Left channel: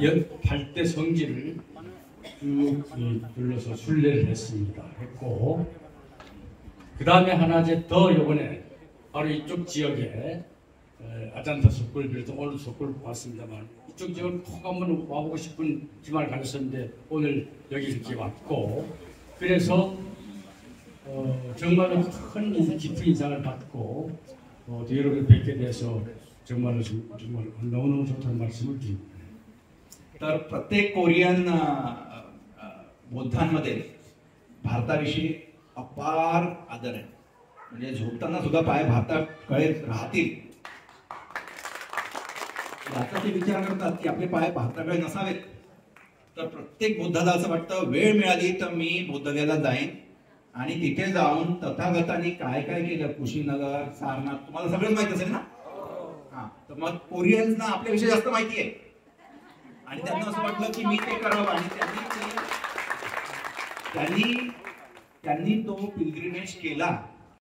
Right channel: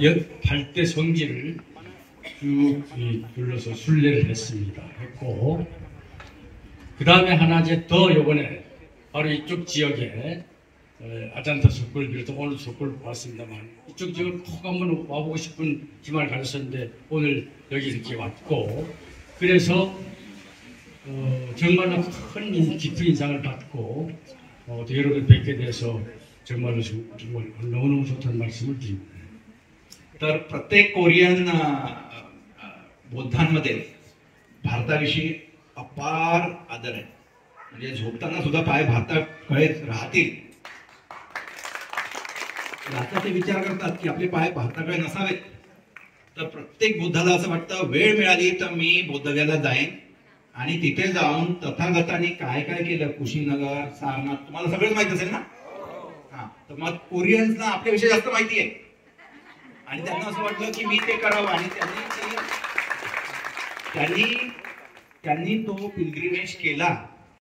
8대 성지를 쭉 둘러서 순례를 했고, 그 다음에 하나 이제 더 요번에 바로 이쪽 지역에 아잔타 석굴 비롯해 오늘 석굴 왔습니다만 이쪽 지역을 꼭 한번 와보고 싶은 희망을 가졌었는데 오늘 여기 이렇게 왔고, 그래서 정말로 큰 깊은 인상을 받고 여러분 뵙게 돼서 정말로 너무너무 좋다는 말씀을 드립니다. तर प्रत्येक कोरियन बौद्धांमध्ये भारताविषयी अपार आदर आहे. म्हणजे झोपताना सुद्धा पाय भारताकडे राहतील याचा ते विचार करतात की आपले पाय भारताकडे नसावेत. तर प्रत्येक बुद्धाला असं वाटतं वेळ मिळाली तर मी बौद्धगयाला जाईन आणि तिथे जाऊन तथागतांनी काय काय केलं, कुशीनगर, सारनाथ तुम्हाला सगळंच माहित असेल ना. हा, तर मग कोरियन्सना आपल्याविषयी जास्त माहिती आहे आणि त्यांना असं वाटलं की मी ते करावं आणि त्यांनी तो पिलग्रिमेज केला.